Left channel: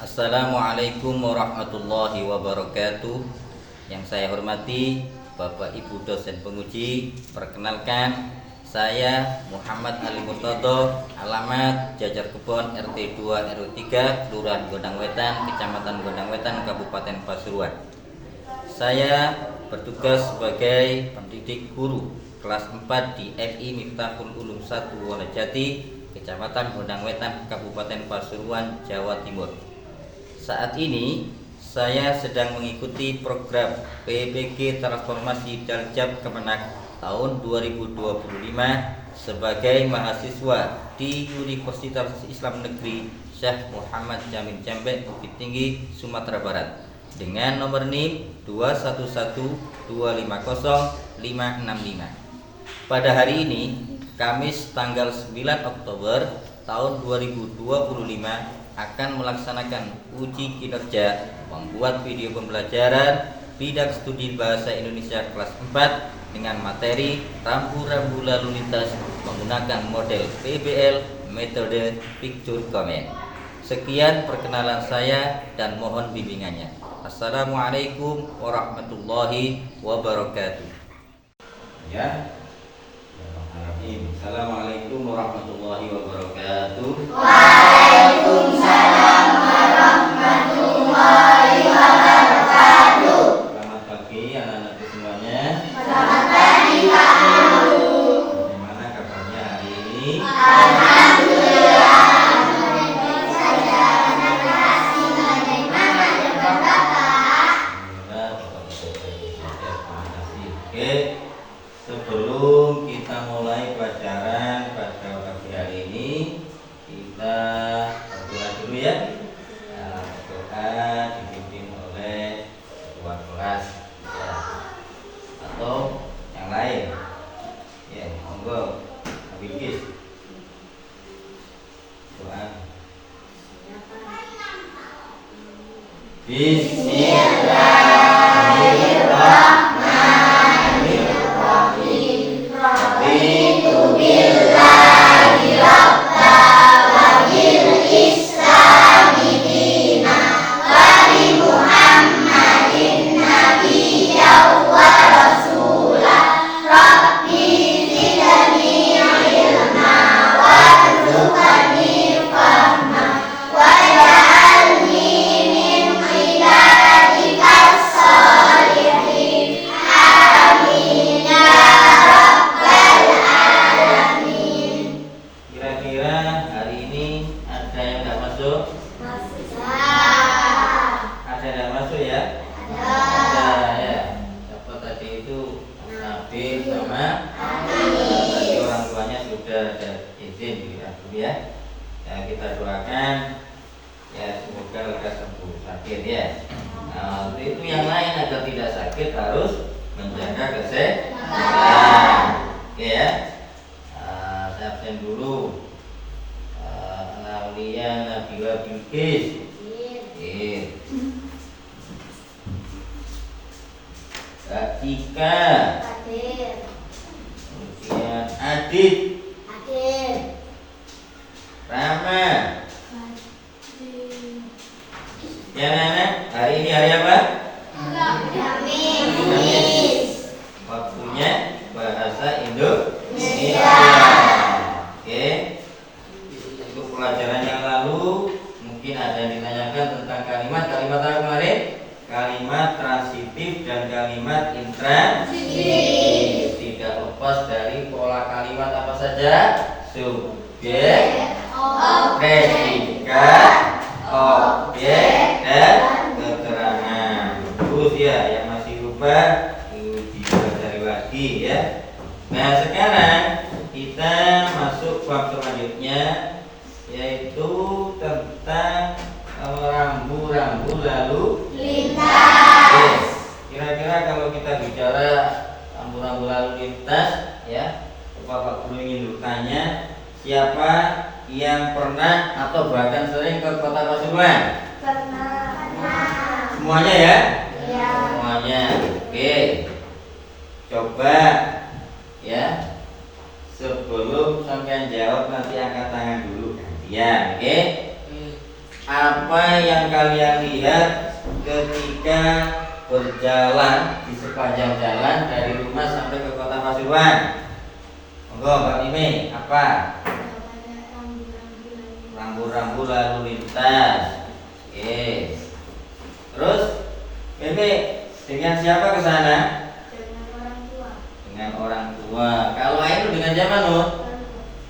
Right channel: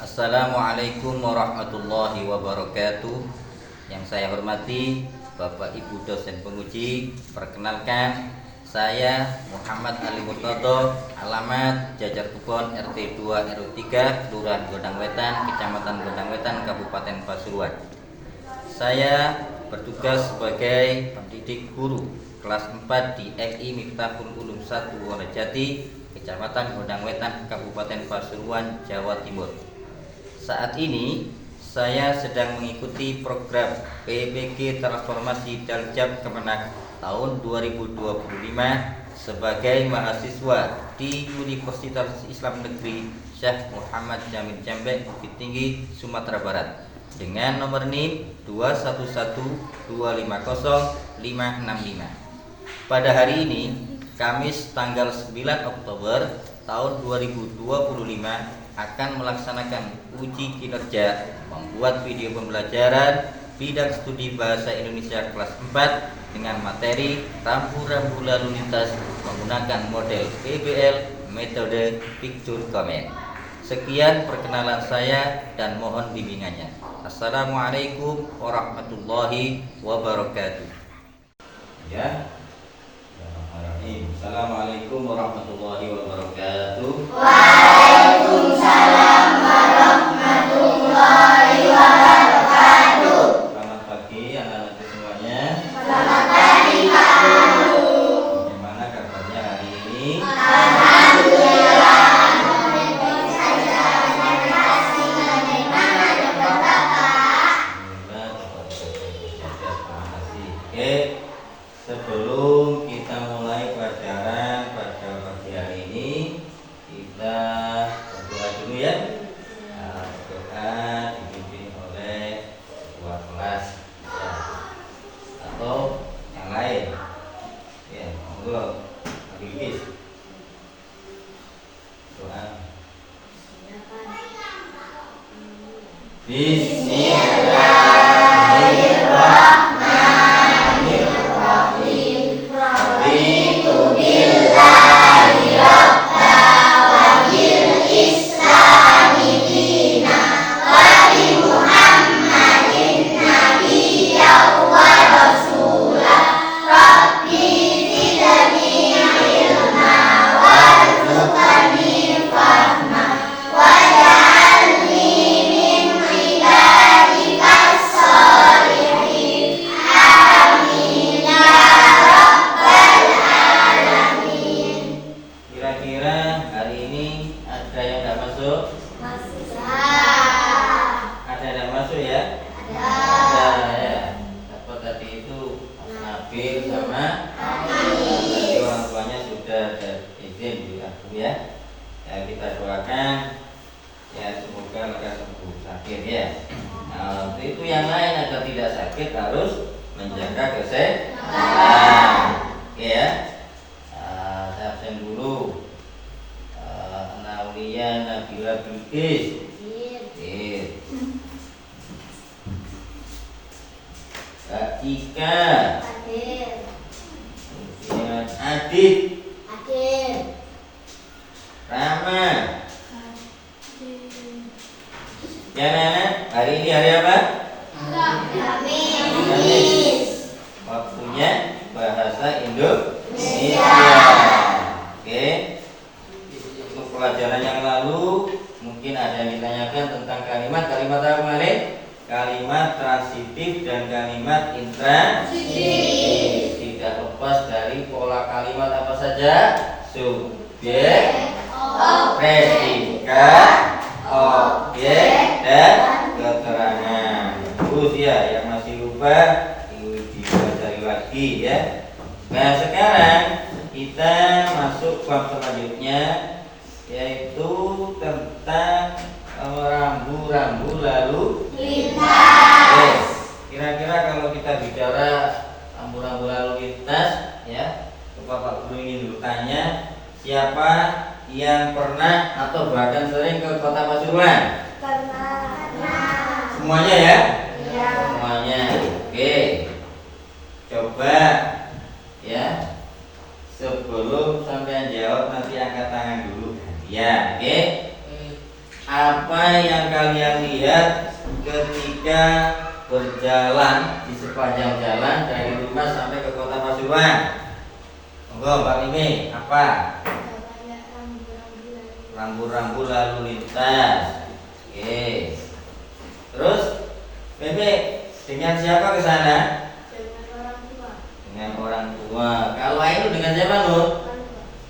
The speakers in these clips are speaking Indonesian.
Assalamualaikum warahmatullahi wabarakatuh. Yang saya hormati Bapak Ibu dosen penguji, perkenalkan saya Muhammad Ali Murtado, alamat Jajar Kebon RT 2 RW 3, Kelurahan Gondang Wetan, Kecamatan Gondang Wetan, Kabupaten Pasuruan. Saya bertugas sebagai pendidik guru kelas 4 di MI Miftahul Ulum 1 Wonojati, Kecamatan Gondang Wetan, Kabupaten Pasuruan, Jawa Timur. Saat ini saya sedang mengikuti program PPG Transformasi Daljab Kemenak tahun 2025 sebagai mahasiswa di Universitas Islam Negeri Syekh Muhammad Jamil Jambek, Bukit Tinggi, Sumatera Barat dengan nomor NIM 211250565. Pada hari ini, Kamis tanggal 9 Oktober tahun 2025 akan melaksanakan uji kinerja membuat video pembelajaran bidang studi bahasa Indonesia kelas 4 dengan materi rambu-rambu lalu lintas menggunakan model PBL metode picture comment. Sekian perkenalan saya dan mohon bimbingannya. Assalamualaikum warahmatullahi wabarakatuh. Ya. Assalamualaikum warahmatullahi wabarakatuh. Waalaikumsalam warahmatullahi wabarakatuh. Selamat pagi anak-anakku semuanya. Selamat pagi Pak Guru. Bagaimana kabarnya hari ini? Alhamdulillah. Baik saja. Terima kasih. Bagaimana kabar Bapak? Alhamdulillah. Oke, sebelum kita mulai pelajaran pada pagi hari ini, kita berdoa dulu ya. Berdoa dipimpin oleh ketua kelas ya, atau yang lain. Ya, monggo, Habibis. Doa. Bismillahirrahmanirrahim. Raditu billahi rabba wa bil islami dina wa bi Muhammadin nabiyya wa rasula. Rabbi zidni ilma warzuqni fahma waj'alni min ibadikas sholihin. Amin ya rabbal alamin. Kira-kira hari ini ada yang nggak masuk? Ada yang masuk ya? Ada ya. Siapa tadi itu? Nabil sama tadi orang tuanya sudah ada izin ya. Ya kita doakan ya semoga mereka sembuh sakit ya. Nah, itu yang lain agar tidak sakit harus menjaga kesehatan. Oke ya. Saya absen dulu. Naulia Nabila Bilqis. Kak Cika. Kemudian Adit. Rama. Ya Nana, hari ini hari apa? Kamis. Waktunya bahasa Indonesia. Oke. Untuk pelajaran yang lalu mungkin ada yang ditanyakan tentang kalimat apa kemarin? Kalimat transitif dan kalimat intransitif. Tidak lepas dari pola kalimat apa saja? Subjek, predikat, objek, dan keterangan. Terus ya, yang masih lupa dipelajari lagi ya. Nah sekarang kita masuk bab selanjutnya, yaitu tentang rambu-rambu lalu lintas. Kira-kira kalau kita bicara rambu-rambu lalu lintas ya, Bapak Guru ingin bertanya, siapa yang pernah atau bahkan sering ke Kota Pasuruan? Semuanya ya? Semuanya. Oke. Coba ya, sebelum sampean jawab nanti angkat tangan dulu. Ya, oke. apa yang kalian lihat ketika berjalan di sepanjang jalan dari rumah sampai ke kota Pasuruan? Monggo Mbak Mimi, apa? Rambu-rambu lalu lintas. Oke. Terus Mimi dengan siapa ke sana? Dengan orang tua. Kalau Ainul dengan siapa, Nur?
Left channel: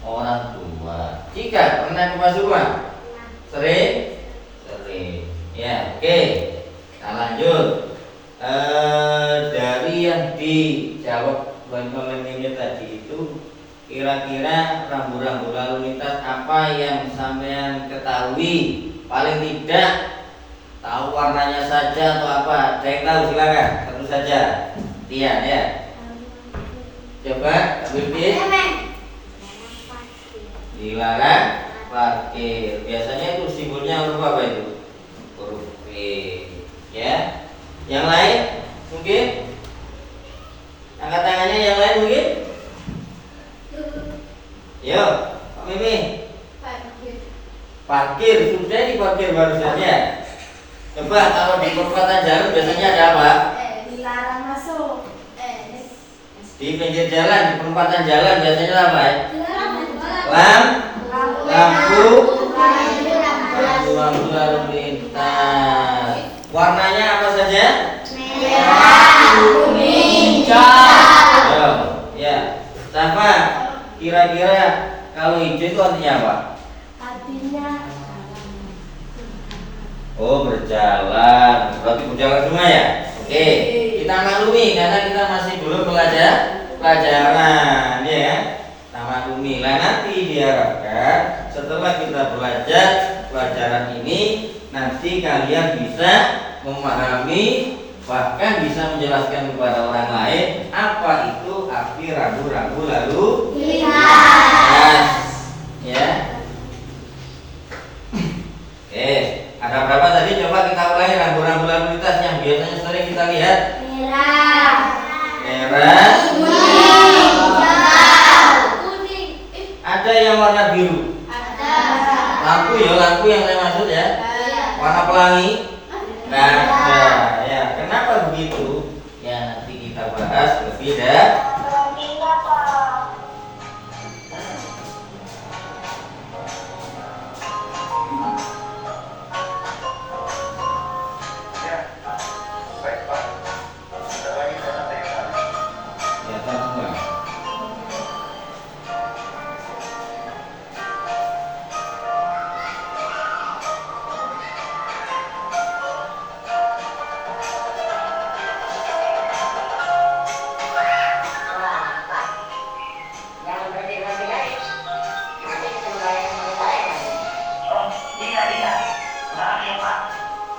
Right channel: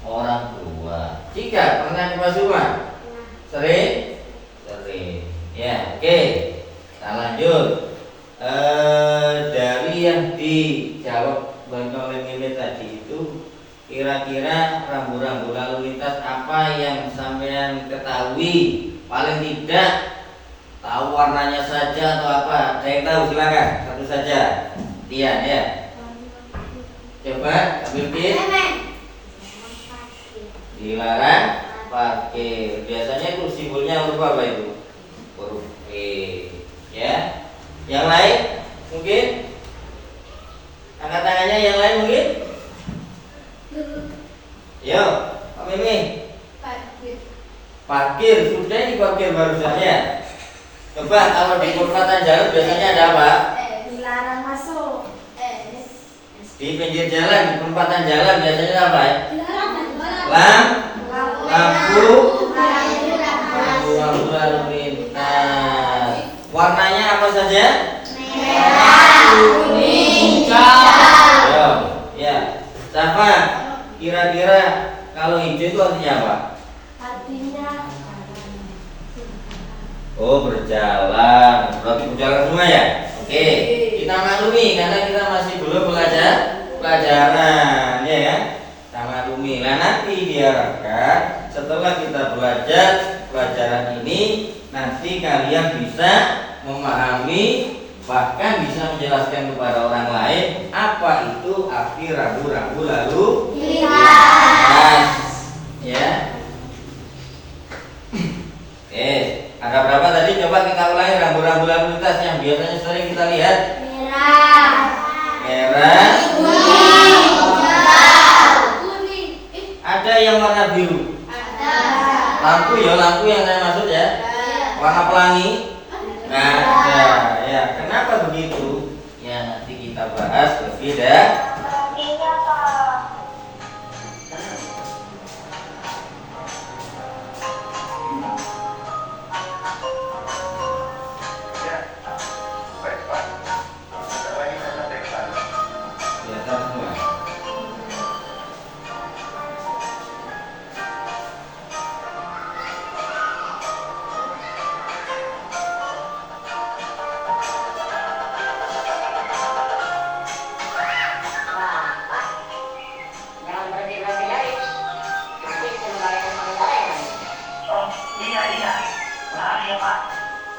Orang tua. Jika pernah ke Pasuruan? Sering? Sering. Ya, oke. Kita lanjut. Dari yang dijawab oleh Mimi tadi itu, kira-kira rambu-rambu lalu lintas apa yang sampean ketahui? Paling tidak tahu warnanya saja atau apa? Ada yang tahu? Silakan. Satu saja. Tian ya. Coba ambil pin. Dilarang parkir. Biasanya itu simbolnya huruf apa itu? Huruf P. Ya. Yang lain mungkin? Angkat tangannya yang lain mungkin? Yo, Pak Mimi. Parkir, sudah diparkir barusan ya. Coba kalau di perempatan jalan biasanya ada apa? Dilarang masuk. Di pinggir jalan, di perempatan jalan biasanya apa ya? Lampu lalu lintas. Warnanya apa saja? Merah, kuning, hijau. Ya. Siapa? Kira-kira kalau hijau itu artinya apa? Artinya Oh, berjalan. Berarti berjalan semua ya? Oke. Kita maklumi karena kita masih belum belajar pelajaran, ya kan? Kita maklumi. Lah nanti diharapkan setelah kita belajar pelajaran ini, nanti kalian bisa memahami, bahkan bisa menjelaskan kepada orang lain apa itu arti rambu-rambu lalu lintas. Ya. Oke, ada berapa tadi? Coba kita ulangi rambu-rambu lalu lintas yang biasanya sering kita lihat. Merah, kuning. ada yang warna biru. Lampu ya, lampu yang saya maksud ya. Warna pelangi. Nah, ya. Kenapa begitu? Ya nanti kita bahas lebih dah. Kelihatan semua.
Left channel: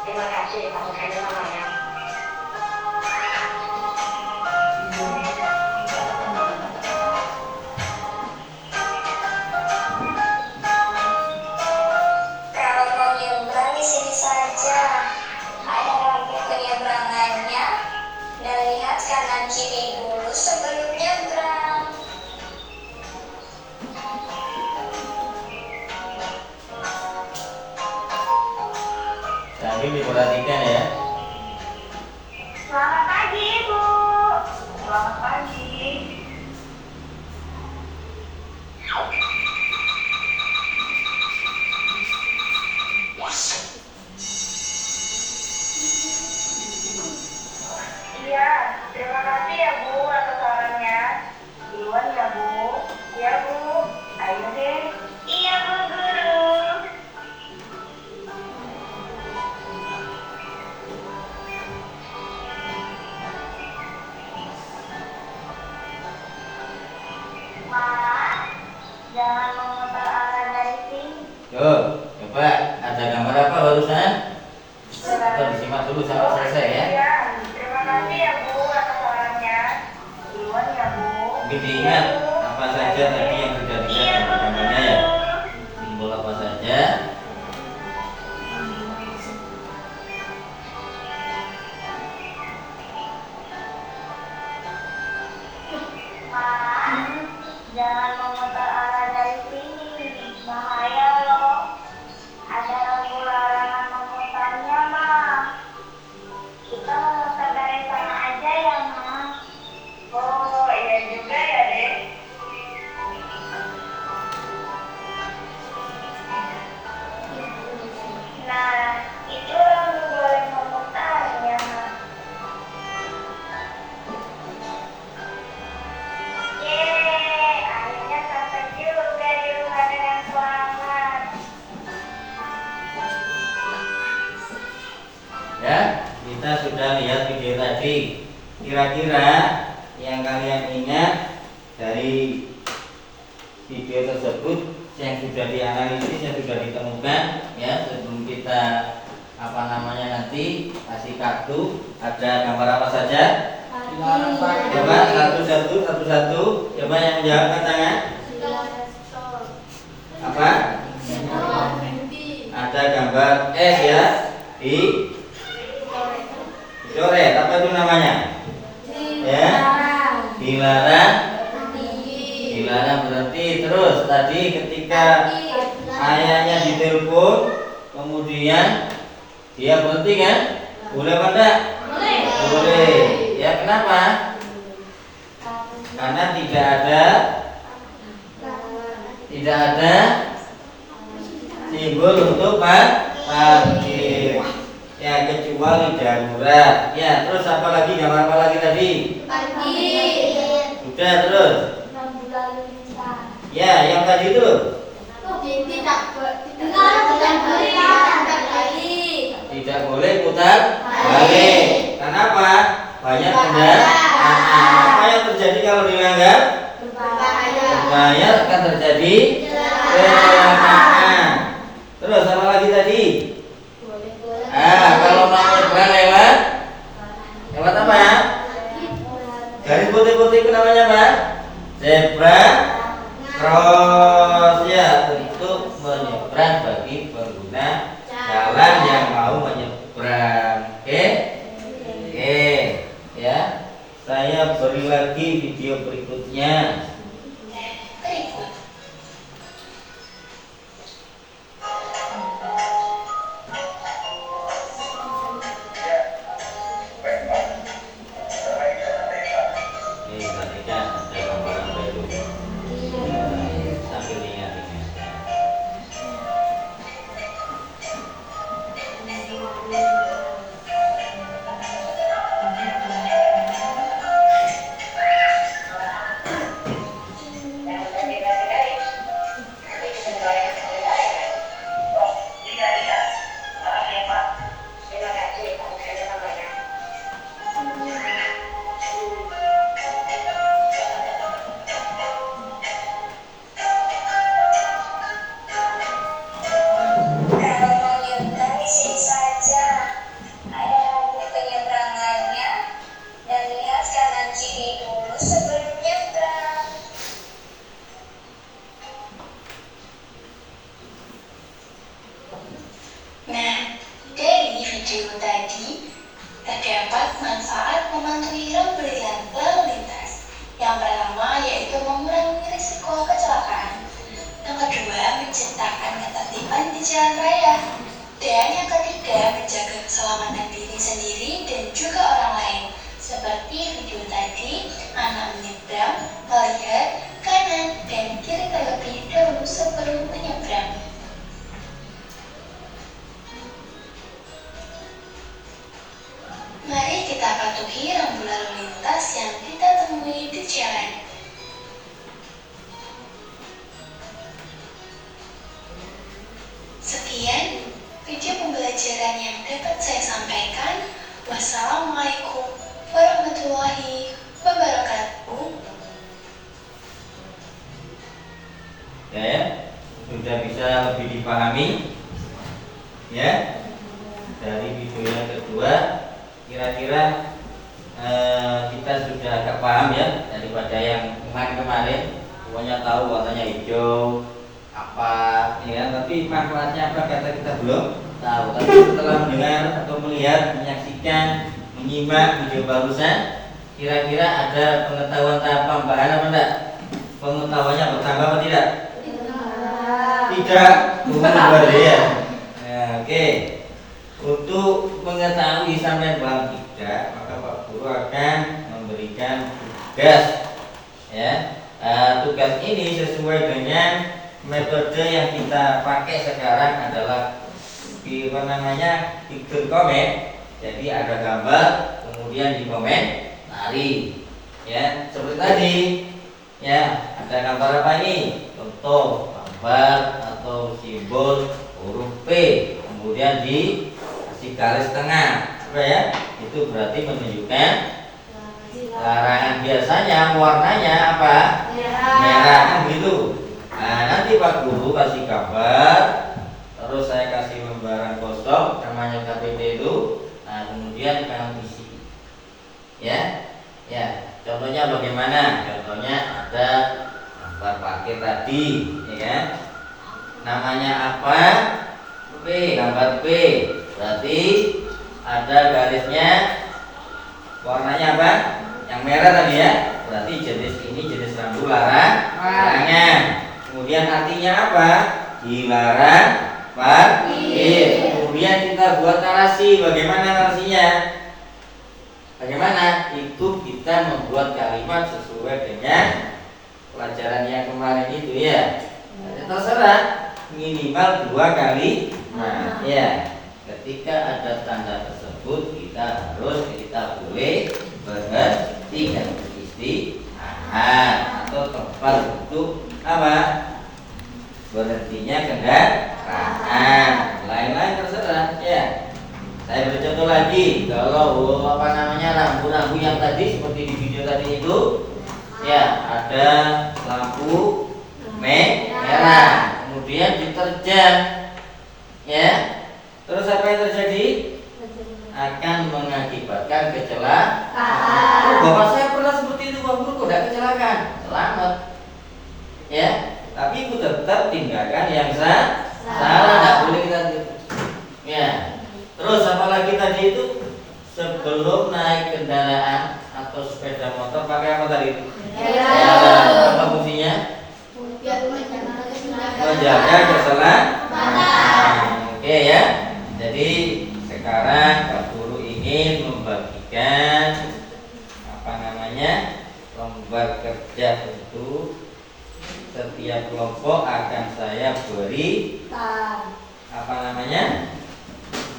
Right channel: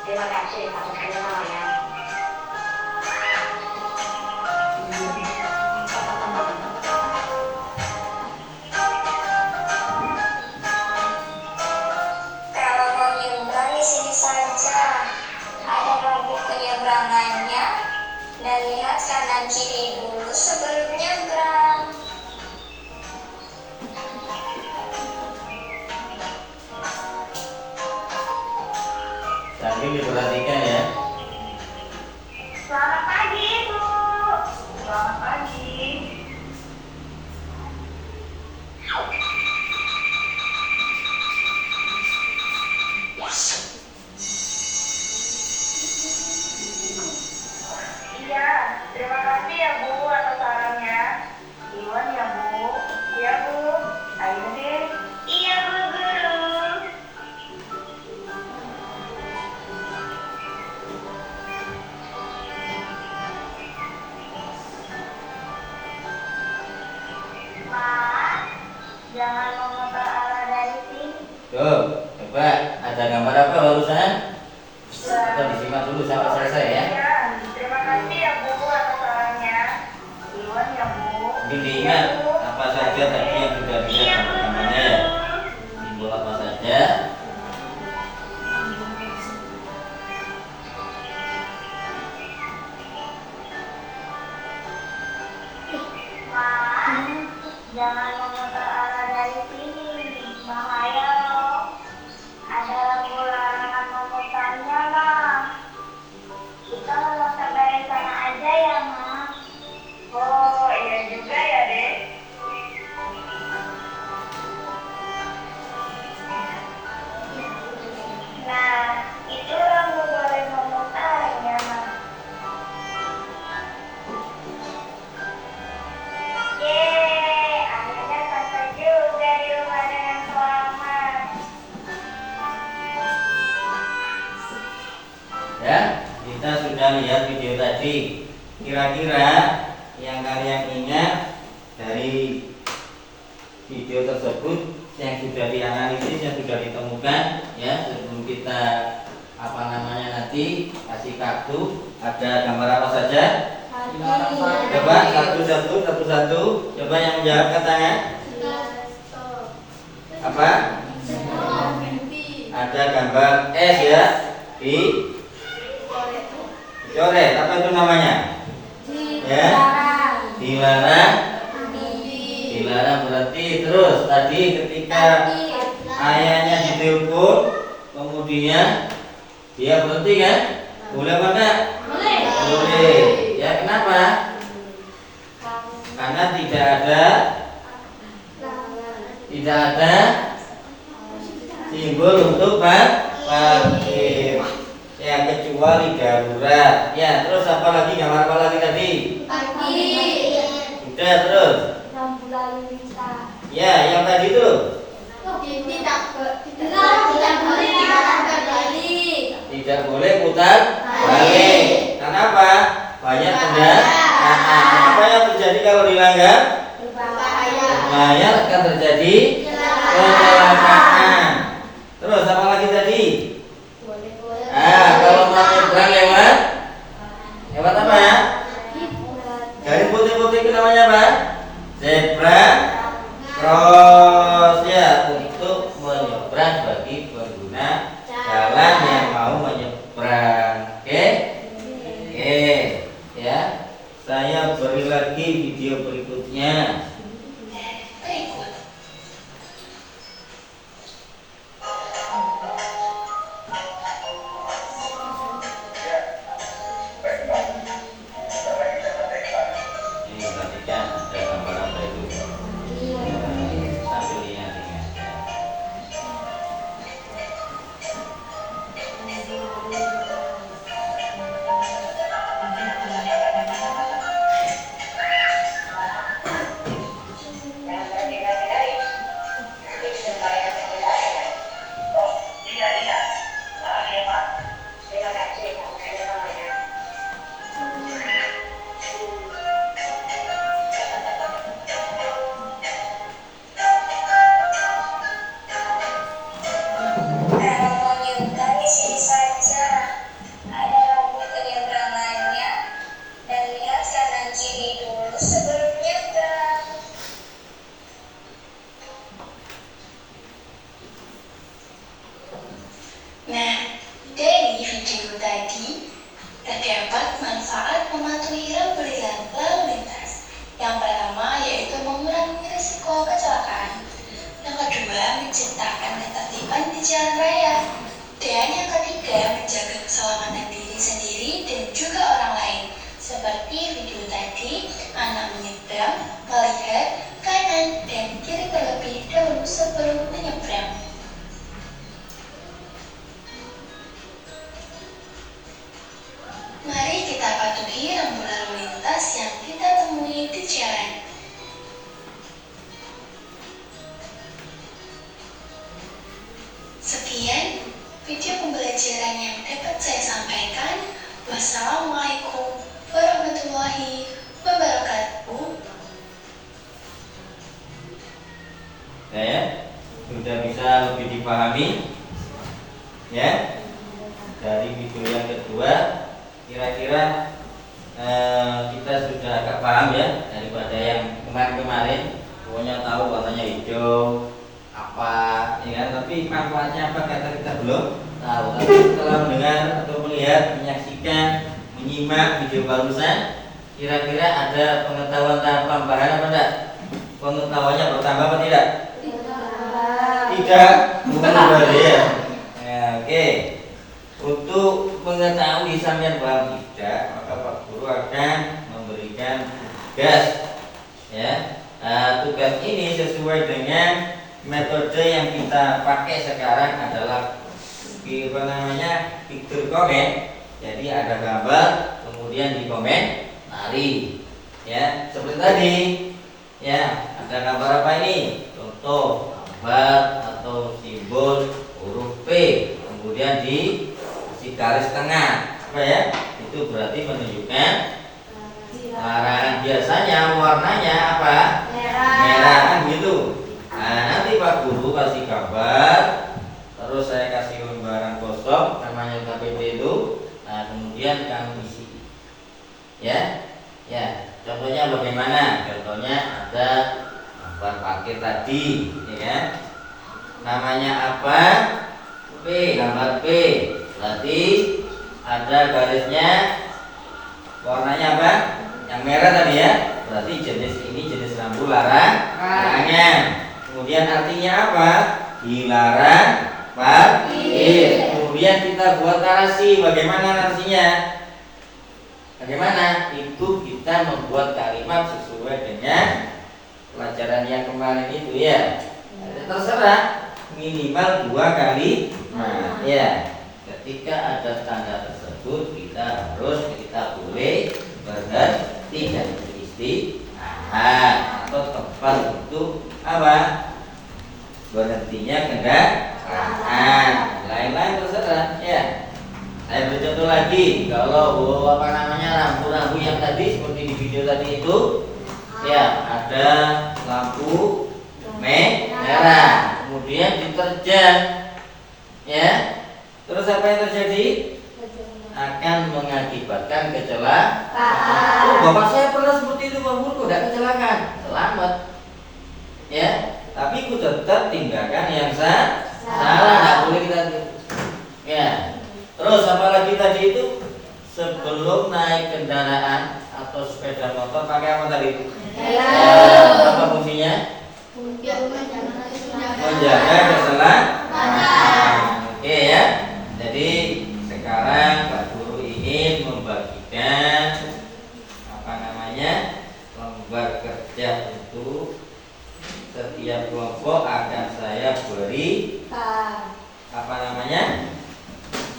Terima kasih Pak Sekali namanya. Kalau mau nyebrang di sini saja. Ada lampu penyeberangannya. Dan lihat kanan kiri dulu sebelum nyebrang. Sambil diperhatikan ya. Selamat pagi Ibu. Selamat pagi. Iya, terima kasih ya Bu atas sarannya. Iwan ya Bu. Iya Bu. Ayo deh. Iya Bu Guru. Mak, jangan memutar arah dari sini. Tuh, coba ada gambar apa barusan? Kita disimak dulu sampai selesai ya. Iya, terima kasih ya Bu atas sarannya. Iwan ya Bu. Mungkin diingat apa saja tadi yang sudah dilihat gambarnya ya. Simbol apa saja? Mak, jangan memutar arah dari sini. Bahaya loh. Ada lampu larangan Ya, kita sudah lihat video tadi. Kira-kira yang kalian ingat dari video tersebut yang sudah dianalisis, yang sudah ditemukan, ya, sebelum kita nanti kasih kartu, ada gambar apa saja? Coba satu-satu. Coba yang menjawab angkat tangan. Apa? Ada gambar S ya di coret. Apa itu namanya? Ya, dilarang. Dilarang berarti. Terus tadi ketika ayahnya ditelepon, kemudian dia berhenti kan? Boleh apa enggak? Boleh. Ya, kenapa? Karena tidak ada simbol untuk parkir. Ya, kecuali darurat. Ya, terus apa lagi? Gambar apa lagi tadi? Udah, terus. Ya, yang tadi itu. Tidak boleh putar balik. Kenapa? Banyak kendaraan. Apa yang terjadi kalau dilanggar? Berbahaya, akan terjadi kecelakaan. Terus apa lagi tadi? Kalau mau nyebrang lewat apa? Garis putih-putih itu namanya apa? Zebra cross, ya, untuk menyeberang bagi pengguna jalan yang mau menyeberang. Oke, ya. Saya beri lagi video berikutnya. Berikut. Ini perhatikan ada gambaran baru. Sambil ingat-ingat. Kalau mau nyebrang di sini saja. Ada lampu penyeberangannya dan lihat kanan kiri dulu sebelum nyebrang. Nah, dari video tadi terdapat manfaat mematuhi rambu lalu lintas. Yang pertama yaitu mengurangi risiko kecelakaan. Yang kedua, menciptakan ketertiban di jalan raya. Dan yang ketiga, menjaga keselamatan diri sendiri dan juga orang lain. Seperti video tadi, anak menyeberang, melihat kanan dan kiri terlebih dahulu sebelum menyeberang. Mari kita patuhi rambu lalu lintas yang kita temui di jalan. Sekian video pembelajaran yang dapat saya sampaikan. Wassalamualaikum warahmatullahi wabarakatuh. Ya, sudah bisa lebih dipahami. Ya, dari video yang kedua, kira-kira kita sudah agak paham ya daripada yang kemarin-kemarin. Pokoknya tahu warnanya hijau apa, ya, tapi manfaatnya apa kita belum tahu. Tapi setelah mendengar atau melihat, menyaksikan, menyimak video barusan, kira-kira ada pengetahuan tambahan apa enggak? Pengetahuannya bertambah apa tidak? Tidak, bukan ya. Ya, oke. Untuk mengetahui sampai paham tidak, maka Pak Guru akan memberikan tugas. Ya, tugas ini sesuai dengan metode yang kita pakai sekarang adalah picture comment. Jadi ada gambar, kemudian di komentari. Ya, seperti tadi. Ya, ada gambar apa ini? Contoh gambar atau simbol huruf P, kemudian di kasih garis tengah. Apa ya? Itu berarti menunjukkan larangan. Biasanya warnanya apa? Merah kan gitu. Nah, nanti Pak Guru kasih gambar, terus saya kasih lembaran kosong namanya KPP itu. Nah, kemudian kamu isi. Ya. Ya, contohnya bagaimana? Contohnya ada gambar paket tadi, ya kan? Namanya apa? P, gambar P. Berarti ada garisnya, warnanya apa? Yang merah tadi ya. Berarti jenis ini jenis rambu larangan. Kemudian artinya apa? Dilarang parkir. Kemudian kita buat narasi. Bagaimana narasinya? Bagaimana? Itu kita membuat kalimat sesuai dengan pelajaran yang kemarin itu ya. Terserah, minimal 2 kali. Nah, ya. Ketika ada tanda tersebut kita boleh berhenti dan beristirahat atau tempat untuk apa? Berhentinya kendaraan. Lain-lain terserah ya. Saya beri contoh lagi. Kalau rambu-rambu yang tadi seperti di video tadi itu ya, ada lampu merah, kemudian diterjang ya. Terus apa yang terjadi? Akan mengakibatkan kecelakaan. Bapak saya pernah seperti itu, Pak Guru, kok tidak kecelakaan? Selamat. Ya, tapi itu tetap tinggalkan yang salah, tidak boleh kita. Ya. Terus apalagi tadi itu sebelum naik kendaraan atau sepeda motor pakai apa tadi? Ya, apa fungsinya? Menjaga keselamatan. Oke ya. Jadi sekarang Pak Guru ingin membagikan lembar kerja untuk setiap kelompok akan saya beri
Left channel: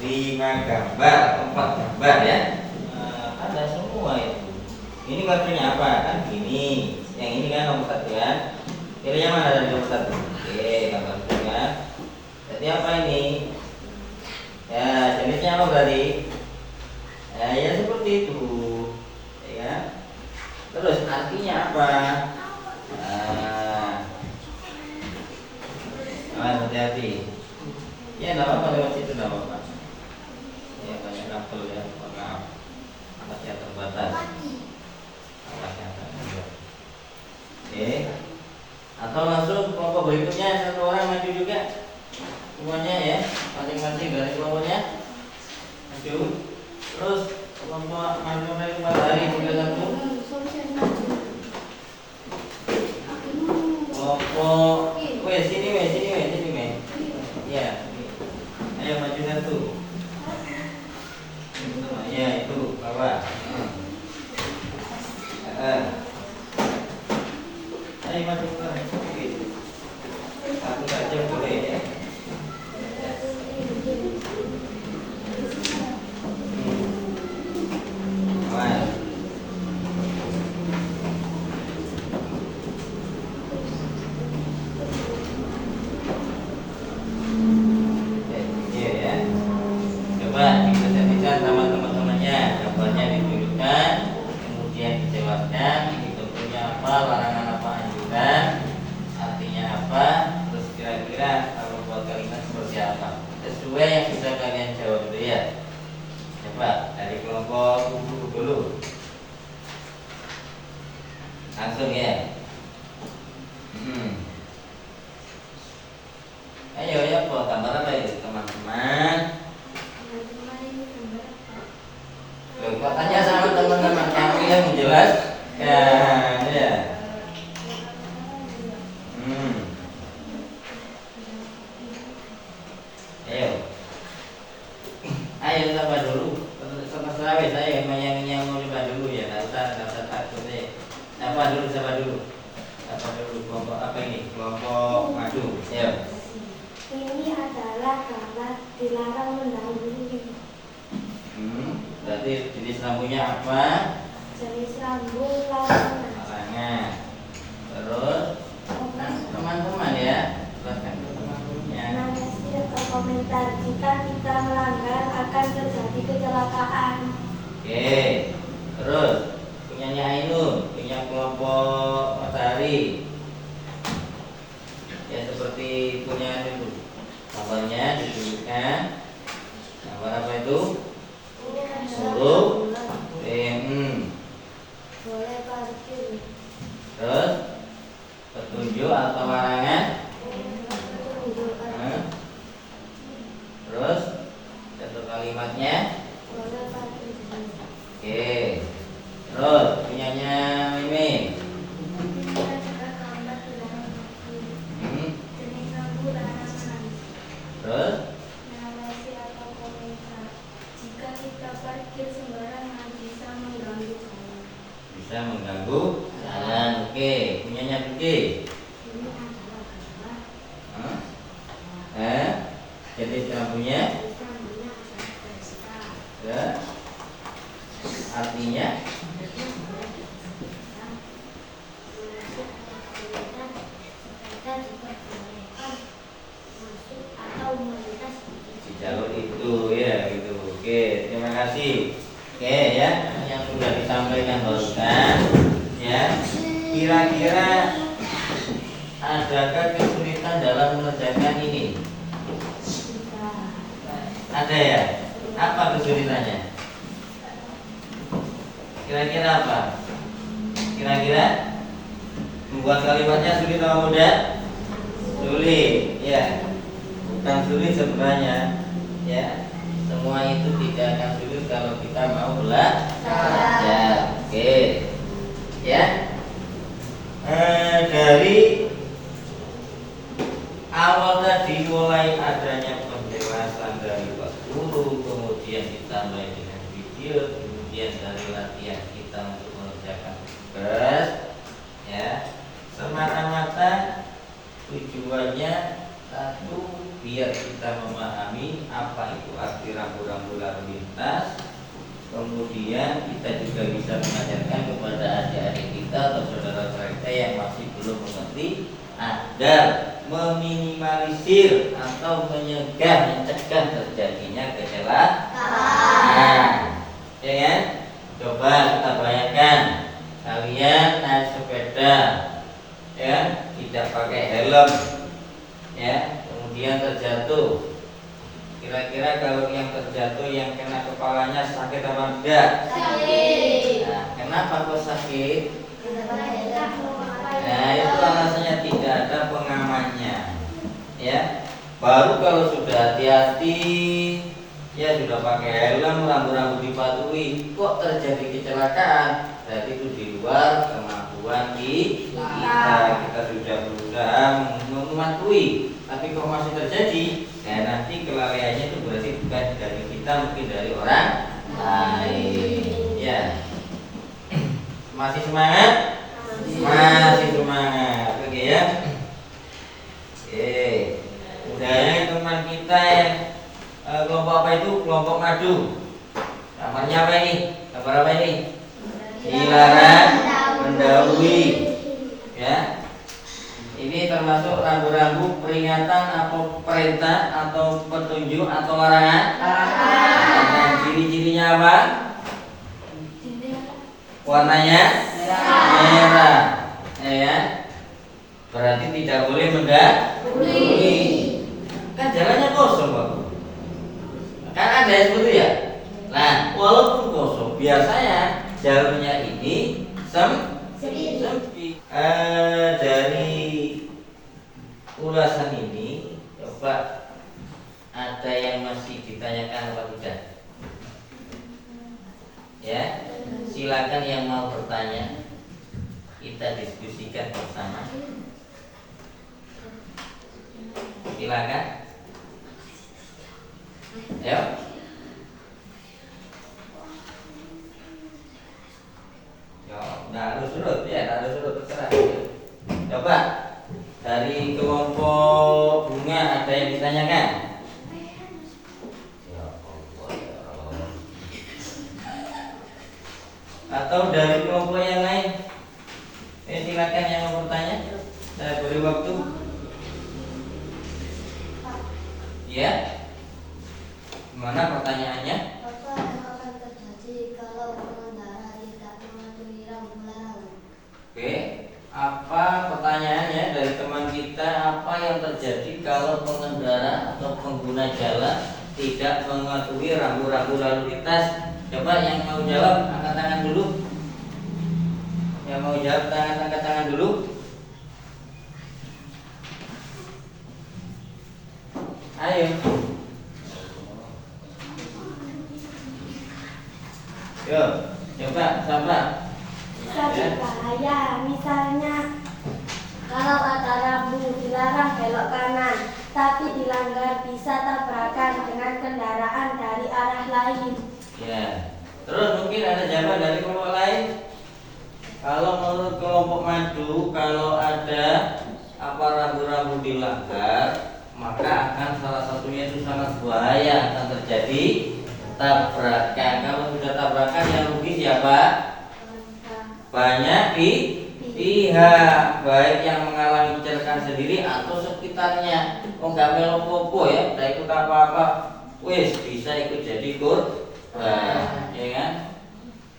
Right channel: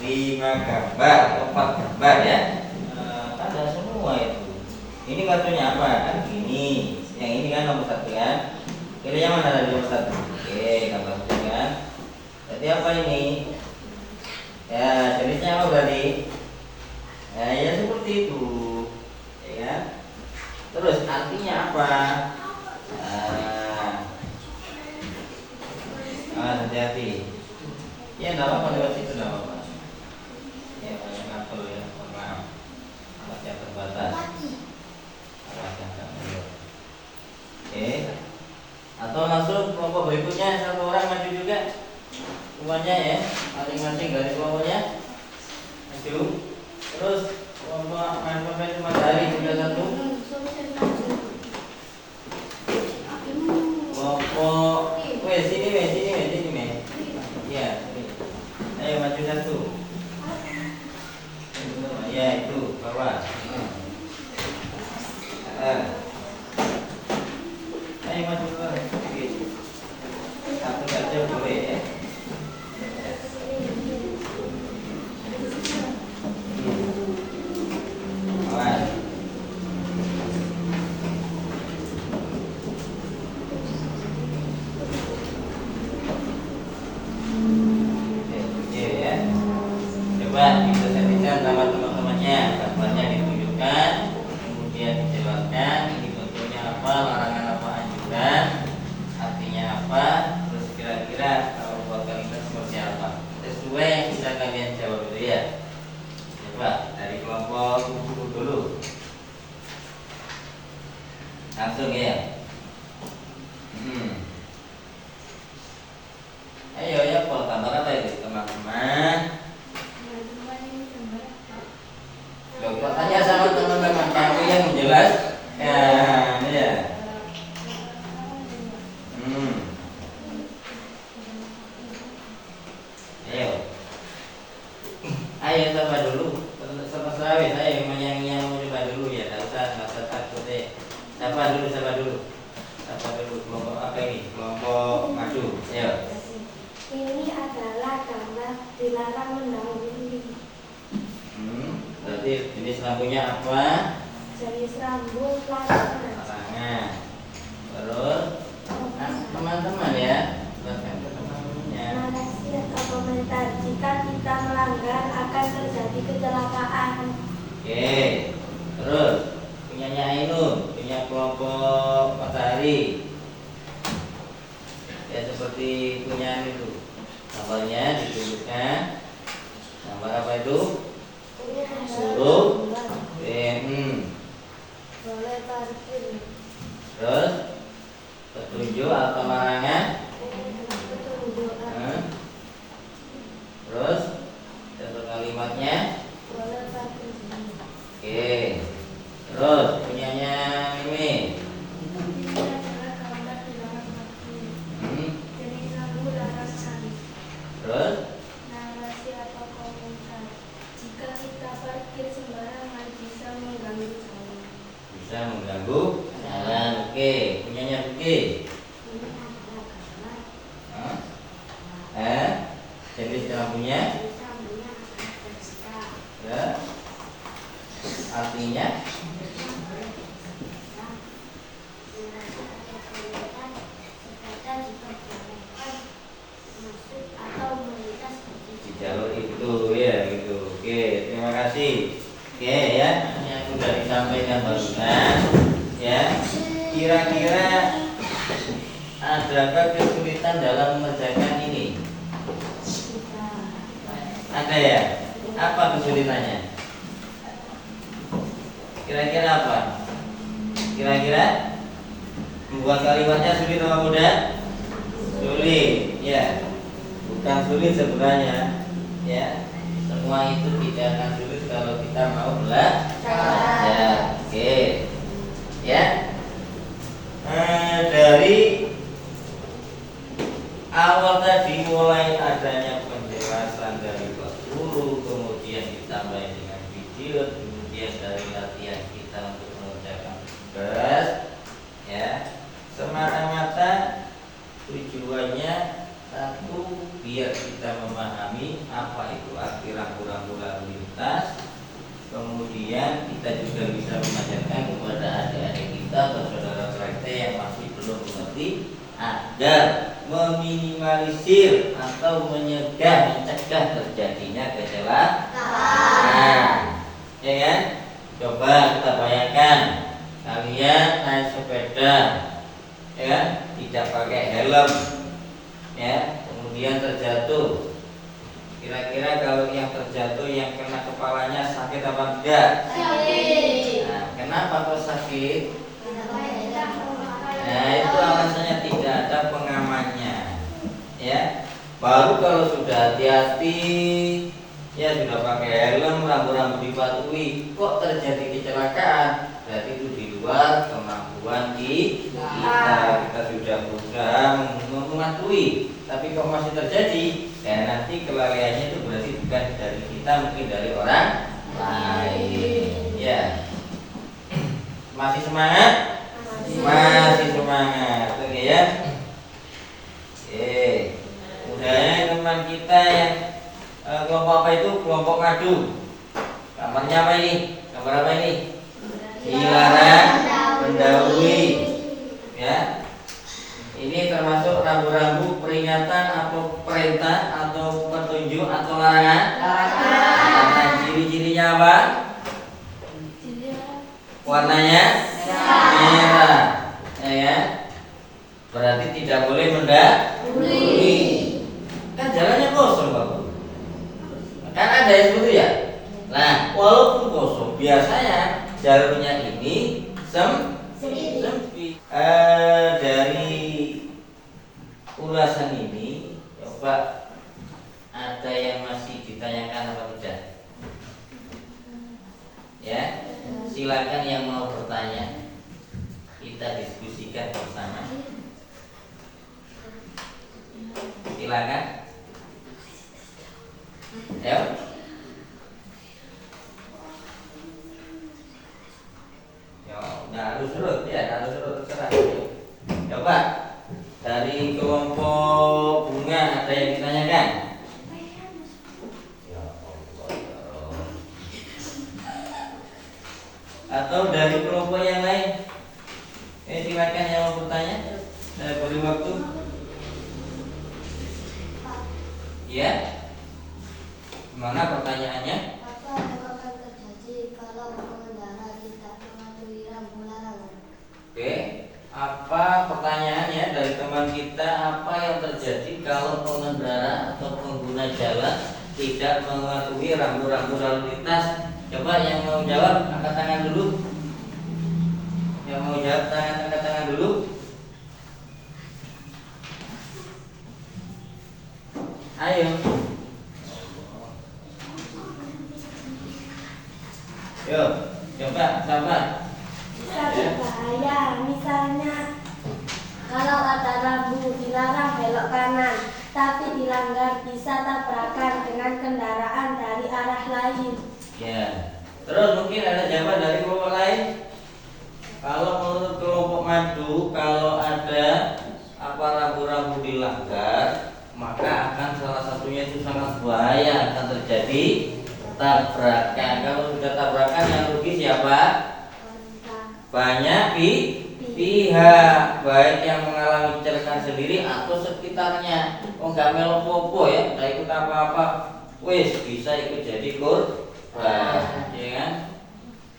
5 gambar, 4 gambar ya. Ada semua itu. Ini kartunya apa? Kan gini. Yang ini kan nomor 1 kan. Pilih yang mana dari nomor 1? Oke, gambar kan. Jadi apa ini? Ya, jenisnya apa berarti? Ya seperti itu. Ya kan? Terus artinya apa? Hati-hati. Ya, enggak apa-apa lewat situ, enggak apa-apa. Ya, banyak kabel ya, maaf. Alatnya terbatas. Alatnya terbatas. Oke. Atau langsung kelompok berikutnya, satu orang maju juga. Semuanya ya, masing-masing dari kelompoknya maju. Terus kelompok maju matahari juga satu. Kelompok, sini. Ya, ayo maju satu. Ya itu bawah. Ayo maju bawah. Satu saja boleh ya. Langsung ya. Ayo ya, kalau gambar apa itu teman-teman? Coba tanya sama teman-teman kamu yang menjelaskan ya. Ayo sama dulu, sama sawit. Ayo yang mau coba dulu ya, nggak usah takut deh. Sapa dulu. Kelompok apa ini? Kelompok maju. Ya. Ini adalah gambar dilarang mendahului. Berarti jenis lampunya apa? Jenis lampu larangan. Larangan. Terus teman-teman ya, buatkan ke teman-temannya. Narasi atau komentar, jika kita melanggar akan Oke. Terus punyanya Ainun, punya kelompok matahari. Ya seperti punya itu. Gambarnya ditunjukkan. Gambar apa itu? Huruf Boleh parkir. Terus petunjuk atau larangan. Petunjuk. Terus satu kalimatnya. Boleh parkir. Oke. Terus punyanya Mimi. Ini adalah gambar dilarang parkir. Jenis lampu larangan. Terus Narasi atau komentar. Jika kita parkir sembarangan bisa mengganggu jalan. bisa mengganggu jalan. Oke. Punyanya Budi. Ini adalah gambar. Jadi lampunya. Lampunya adalah pesta. Ya. Artinya di jalur itu ya gitu. Oke, terima kasih. Oke ya, yang sudah disampaikan barusan ya. Kira-kira adakah kesulitan dalam mengerjakan ini? Ada ya? Apa kesulitannya? Kira-kira apa? Kira-kira membuat kalimatnya sulit atau mudah? Sulit, ya. Bukan sulit sebenarnya, ya. Semua itu tidak akan sulit kalau kita mau belajar. Oke, ya. Dari awal tadi mulai adanya penjelasan dari Pak Guru, kemudian ditambah dengan video, kemudian dari latihan kita untuk mengerjakan tugas, ya, semata-mata tujuannya satu, biar kita memahami apa itu arti rambu-rambu lalu lintas. Kemudian kita juga bisa mengajarkan kepada adik-adik kita atau saudara-saudara kita yang masih belum mengerti agar meminimalisir atau mencegah terjadinya kecelakaan. Ya kan? Coba kita bayangkan kalian naik sepeda, ya, tidak pakai helm, ya, kemudian terjatuh. Kira-kira kalau yang terjatuh yang kena kepalanya sakit apa enggak? Sakit. Nah, kenapa kok sakit? Nah, itu alasannya tidak ada pengamannya. Ya. Baru kalau sudah hati-hati, ya sudah pakai helm, rambu-rambu dipatuhi, kok terjadi kecelakaan? Berarti itu di luar kemampuan kita. Kita sudah berusaha mematuhi, tapi kok masih terjadi? Dan nanti kelalaiannya itu berarti bukan dari kita, mungkin dari orang lain. Ya. Masih semangat? Masih semangat. Oke ya. Oke. Udahnya teman kita yang kelompok apa itu? Kelompok madu. Gambarnya apa ini? Gambar apa ini? Dilarang mendahului. Ya. Ini termasuk rambu-rambu peringatan atau perintah atau petunjuk atau larangan? Larangan. Ciri-cirinya apa? Warnanya merah. Ya. Berarti tidak boleh mendahului. Kan jalannya kosong, Pak. Kan ada yang seperti ya. Nah, walaupun kosong, biasanya jalurnya ini sempit. Dari ulasan ini, coba ada yang masih ditanyakan apa tidak? Ya, silakan yang mau bertanya, kita diskusikan bersama. Silakan. Ya. Nggak harus surut ya, nggak harus surut terserah. Coba dari kelompok bunga ada yang ditanyakan? Ya Allah, ya Allah. Atau dari kelompok yang lain? Silakan yang mau bertanya. Saya beri waktu. Ya. Mana pertanyaannya? Apa yang akan terjadi kalau Apa pertanyaannya dari teman kita, apa yang terjadi kalau pengendara atau pengguna jalan tidak mematuhi rambu-rambu lalu lintas? Coba yang mau jawab angkat tangan dulu. Yang mau jawab angkat tangan dulu. Ayo. Yo, coba. Berbahaya, misalnya kalau ada rambu dilarang belok kanan, tapi dilanggar bisa tabrakan dengan kendaraan dari arah lain. Ya. Terus mungkin ada jawaban dari kelompok lain. Kalau menurut kelompok madu, kalau ada apa rambu-rambu dilanggar, maka akan salah satunya itu sangat bahaya, akan terjadi tabrakan. Kalau sudah tabrakan yang rugi siapa? Banyak pihak, baik yang mengalami kecelakaan sendiri atau sekitarnya. Oh nggak melo popo ya, nggak ikut apa-apa, wis bisa ikut jadi korban, ya kan?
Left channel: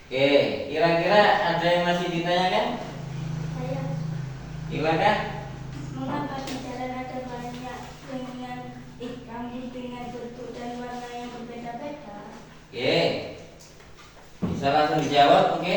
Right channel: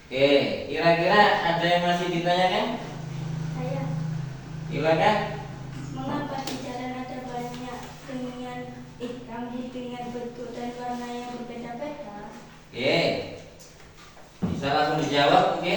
Oke, kira-kira ada yang masih ditanyakan? Saya Silakan. mengapa di jalan ada banyak rambu dengan bentuk dan warna yang berbeda-beda? Oke, bisa langsung dijawab, oke?